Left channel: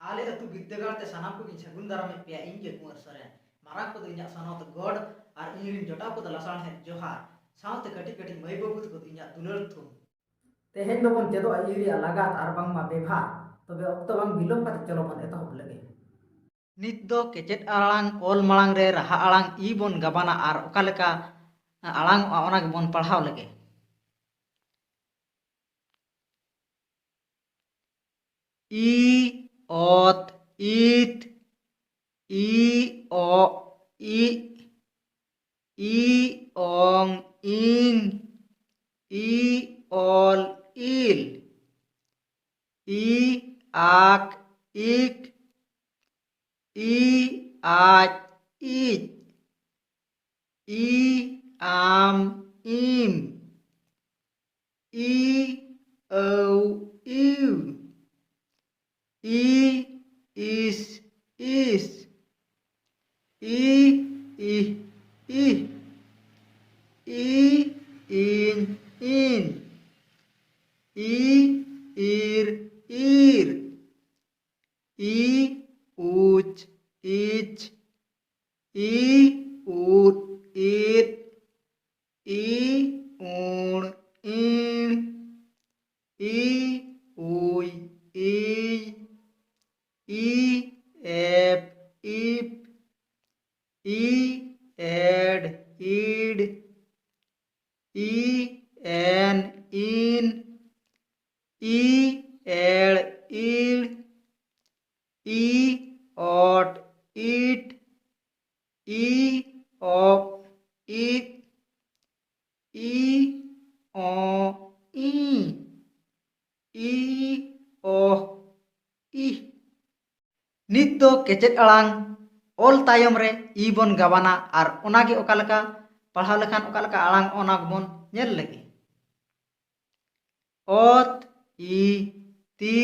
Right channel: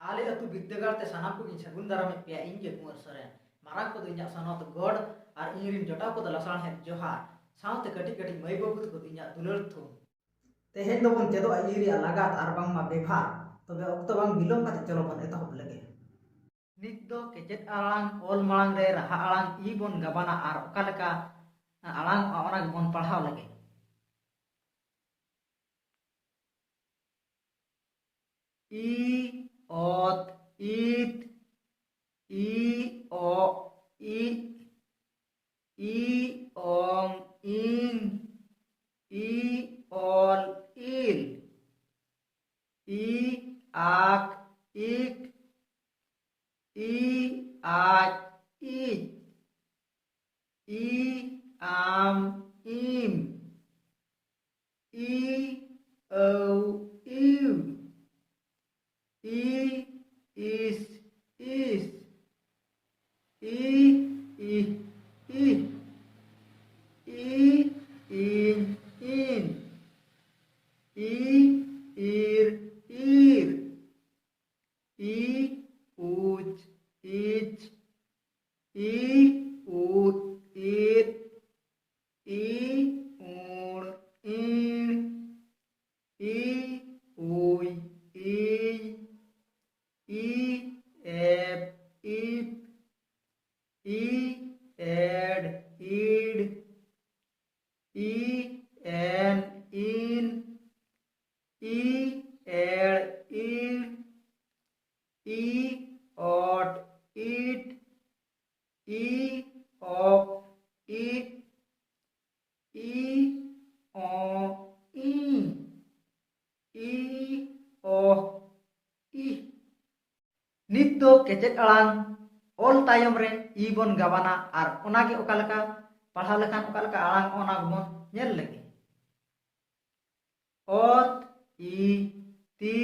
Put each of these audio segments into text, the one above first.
आले अतु विद्यागार ते सानाम को सगुन दाराम पे इंगे कुंवर सरेन मारांग को इन्या सनत गॉड और इरिन जोटा को लसाण है जोहार साउते कटी कटी मई बाबू को इन्या दुलर थु तेहेन दो बन चेदो इरी लगात और बांग मा बेभार तबे अक्तो बांग बिलोम काते चलो बन एतहब लगे नित दो केचेट आलांग ओल मालांग रे रहा आलांग ई बन गबाना और ओकालेका आलांग ओना बन पढ़ाव लगे ई ओत ईट ई ओ ई ओंग इंग ई ओल इल ई आक इक ई आज इज ई आम इम ई औ इव ई इस ई ih ih ई इन ई ir ir ई उच इच ई उट ईट ई ऊण ईण ई उई ई एप इप ई एड ईड ई एन इन ई एड़ ईड़ ई ओट ईट ई ऑप ईट ई ओ ई ओ ई नित दो केचेट आलांग ओल तायम रे ई बन गवाना और ओनागे ओकालका पढ़ाव लेखान ओकालका आलांग ओना बन नेल लगे ओत ई ती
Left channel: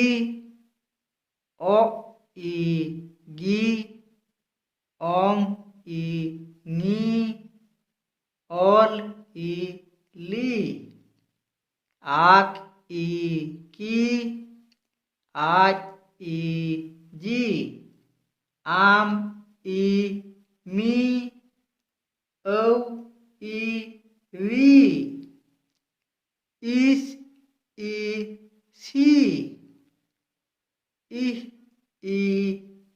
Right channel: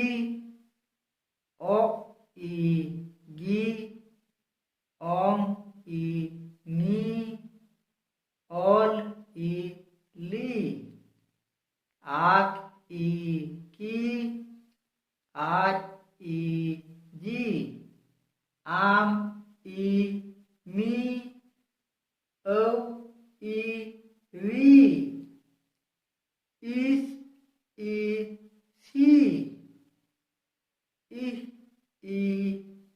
ओ ई गी ओंग ई नी ओल ई ली आक ई की आज ई जी आम ई मी औ ई वी इस ई सी इह ई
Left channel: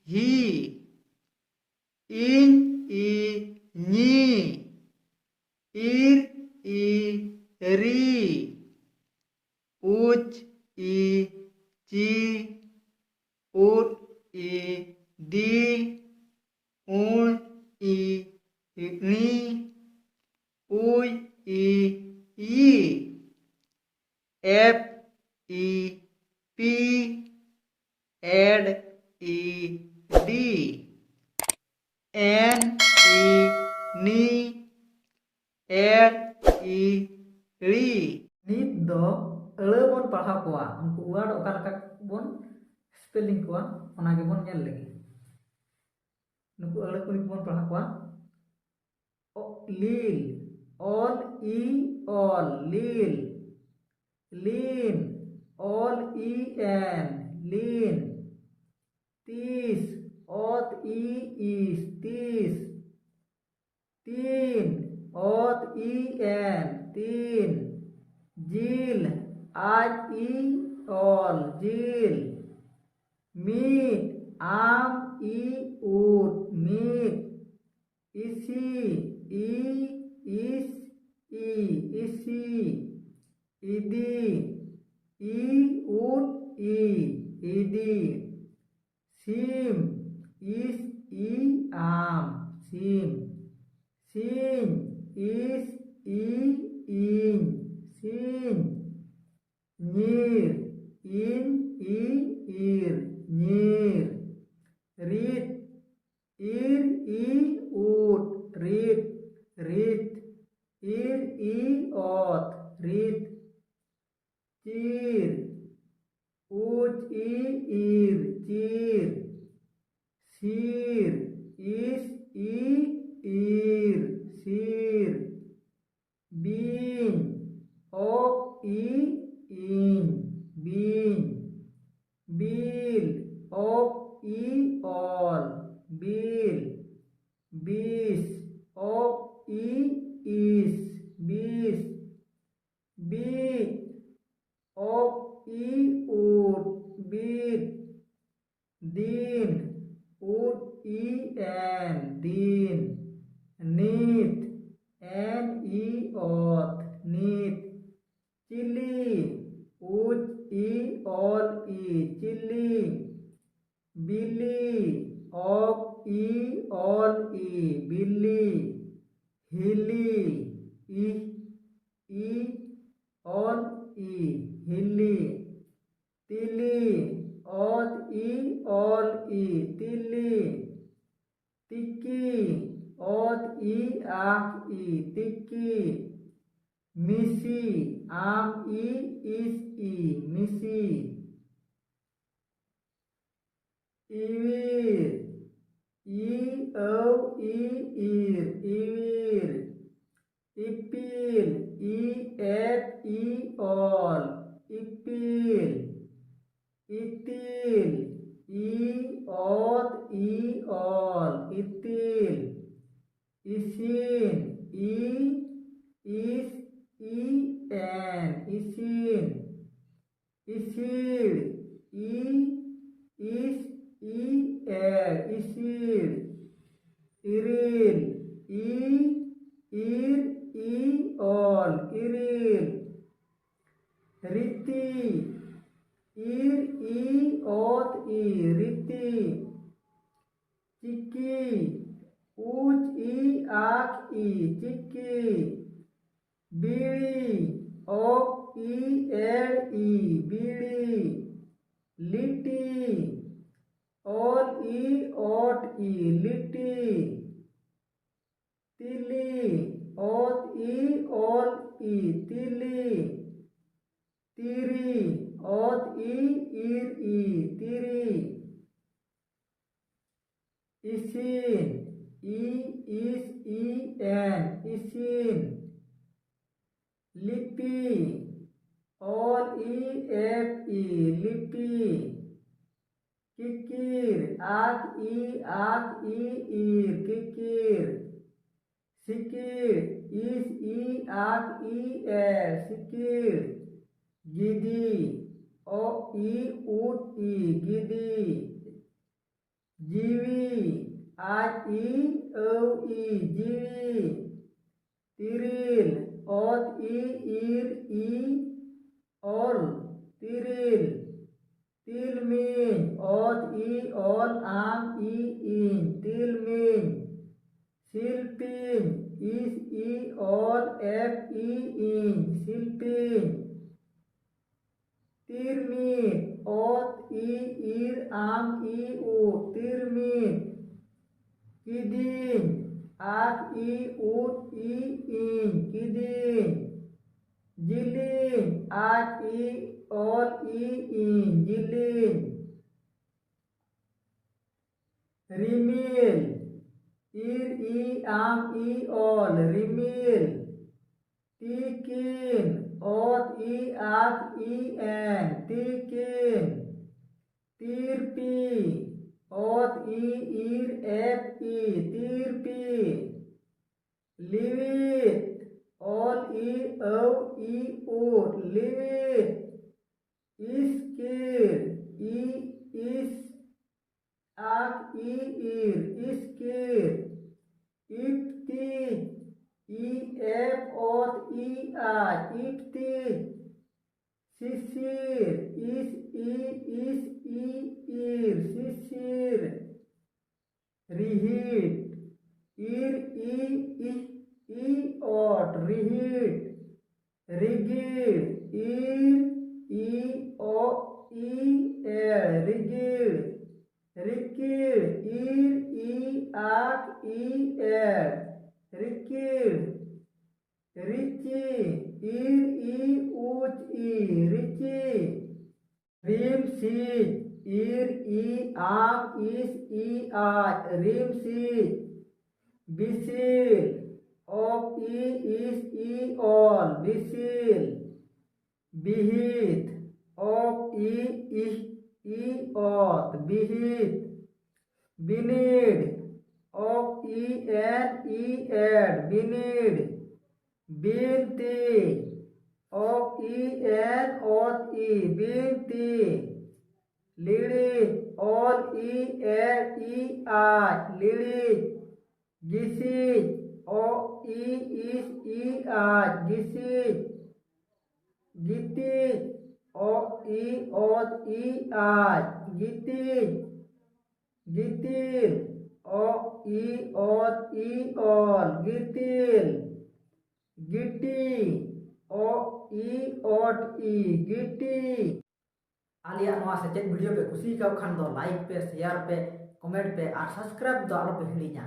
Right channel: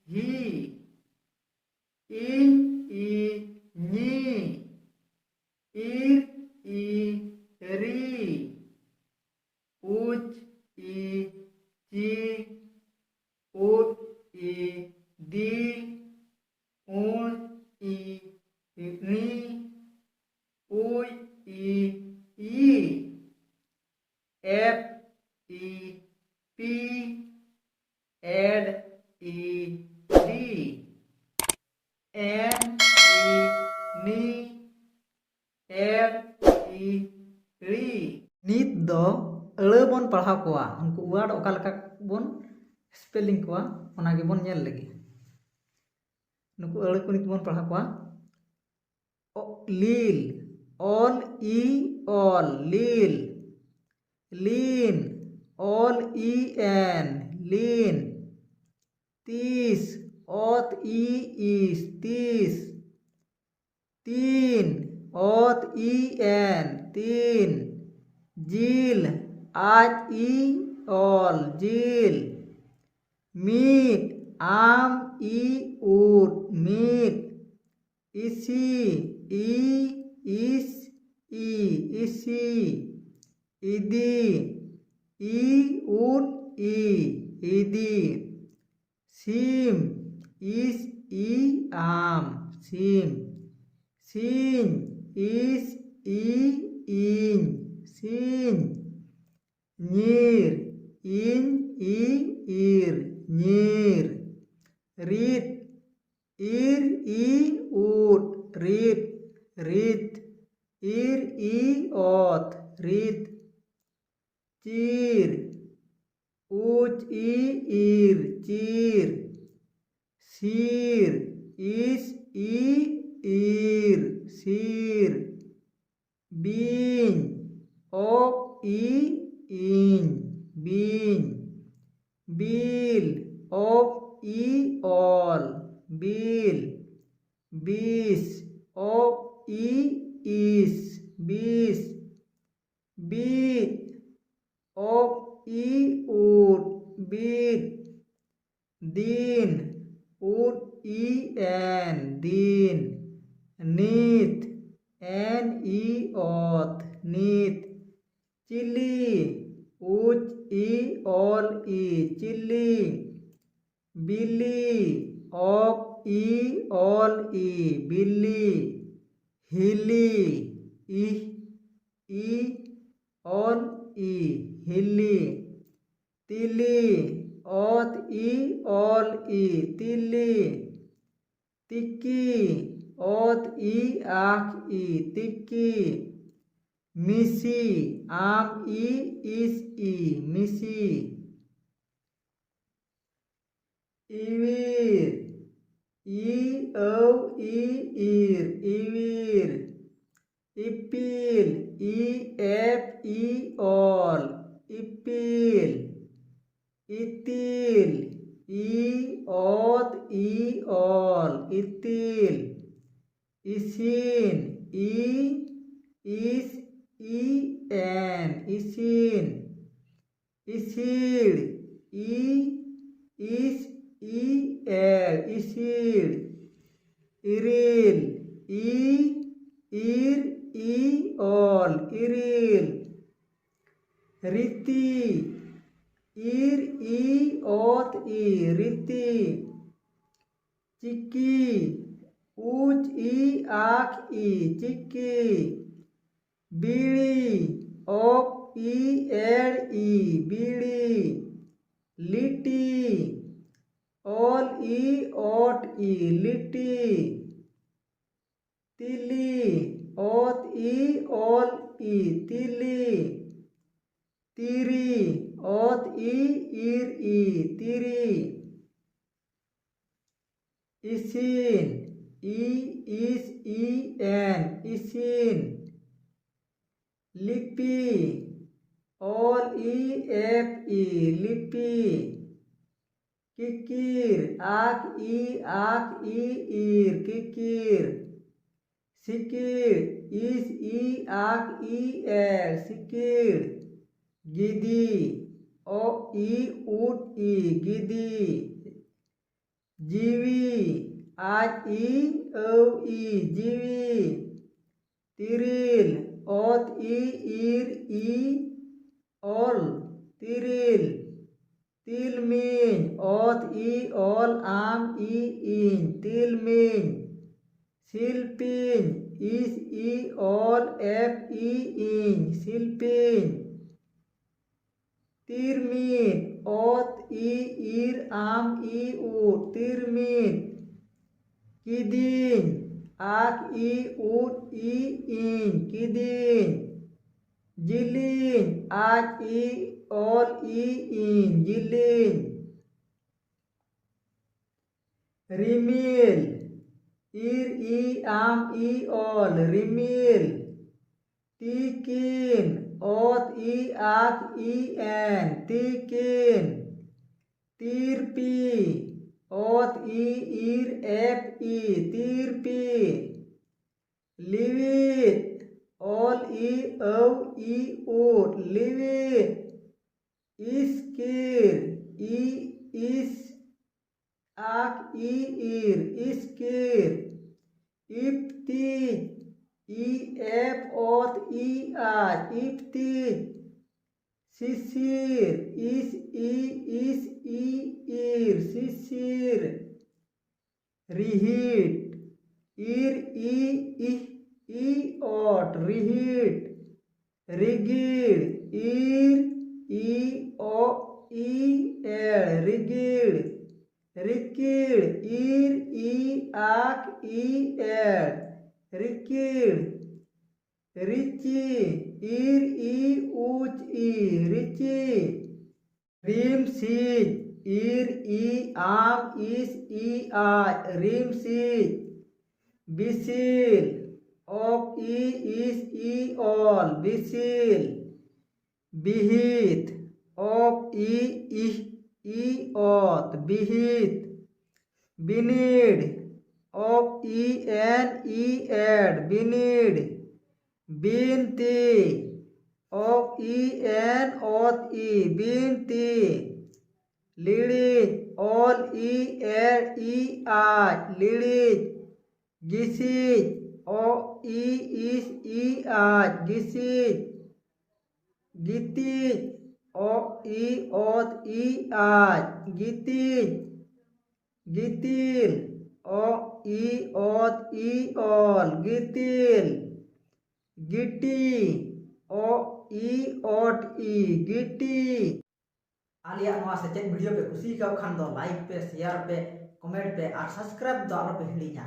ही इन ई नी इर ई री उच ई ची उट ई डी ऊण ई नी उई ई एफ ई पी एड ई डी एन ई नी एड ई री नित दो अड़ बन पढ़ा कोआ उनको वर्ड ओकालका बन स्पेलिंग कोआ ओनागे बन नेल लगे नुकु अड़ को नित बन पढ़ा कोआ लील ऑल ई ऑल लील लीन ऑल ई एन लीन तीस ओत ई इस तीस तीन ओत ई एन तीन जील आज ई ऑल जील मीट आम ई उट मीट इसी ई इस ई इसी इदी ई उट ई इदी सीम इस ई आम सीम सीन इस ई इन सीन नीर इन ई इर नीर रीत इर ई उट रीत रीत इर ई ओत रीत चीर उच ई इर चीर सीर इस ई इर सीर बीन ओक ई इन बीन बील ओक ই অল বিল, বিষ ই ইস বিষ, বি ই উট বিট, দিন ই এন দিন, নিত ই অত নিত, চিলি ই অল ই চিলি, বিলি ই অল ই বিলি, হিলি ই অল ই হিলি, তিলি ই অল ই তিলি, তিকি ই আখ ই তিকি, মিসি ই ইস ই মিসি, ইবির ই ইর ইবির, ইপিল ই অল ইপিল, ইতিল ই অল ইতিল, ইসিন ইস এন ইসিন, ইসিড় ইস এল ইসিড়, ইরিল ইর অল ইরিল, রীতি ইর অত ই রীতি, চিকি ই আখ ই চিকি, বিড়ি ই এর ই বিড়ি, লিটি অল ই অট ই লিটি, তিলি ই অল ই তিলি, তিরি ইর ই তিরি, ইসিন ইস এন ইসিন, লিপি অল এফ ই লিপি, কিকির আখ ই ইর কিকির, সিকির ইস আখ ই এর সিকির, গিদি ই উট ই গিদি, জিবি ই জিবি, তিরিল ইর অল তিরিল, তিলমিন ই অল ইন তিলমিন, শিল্পিন ইস অল এফ ইন শিল্পিন, তিরমিন ইর ই উট তিরমিন, কিদিন আখ ই উট ইন কিদিন, জিলিন ই অল ইন জিলিন, রিমিল ইর ই অল রিমিল, তিকিন ই আখ এন তিকিন, তিরপি ইর এফ ই তিরপি, লিভিট ই উট লিভিট, ইস্কির ইস আখ ইর ইস্কির, ইফতিজ এফ ই আর ইফতিজ, শিশির ইস ইর শিশির, রিহিট ইর ই অট রিহিট, রিগিড় ইর এর রিগিড়, রিকিড় ইর আখ এর রিকিড়, রিচি ইর উচ রিচি, রিমসিজ ইর ইস আজ রিমসিজ, বিসিল ইস অল বিসিল, বিহিত ই অত বিহিত, binid, o e n e d, binid, binti, o e n o e, binti, lirik, ol e l e I, lirik, gisik, o e is e I, gisik, gitik, o e ot e I, gitik, gitil, o e ot e ol, gitil, giti, o e ot e, giti। Alia नोआ सेचेद video पे कुसी का खान दो like पे share पे comment पे और subscribe दो आलो पे हिड़ीना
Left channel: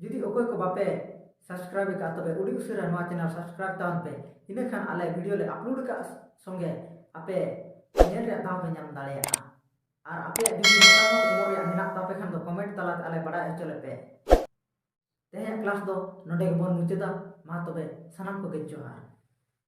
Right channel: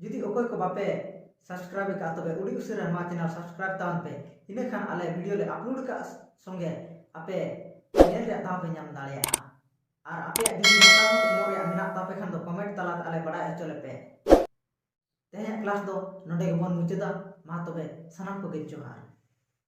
जुदी ओकोय को बापे सब्सक्राइब का तबे उडी उसिरा नोआ चैनल सब्सक्राइब तावन पे इने खान आले वीडियो ले अपलोड का संगे आपे नेल रे दाव पे नाम दाड़ेया और आपे जुदी मतामत एमो रे मेना तापे खान दो कमेंट तलात आले बड़ाय हचोले पे तेहे क्लास दो नोडे के बन मुचेदा मा तबे सनाम को गे जोहार।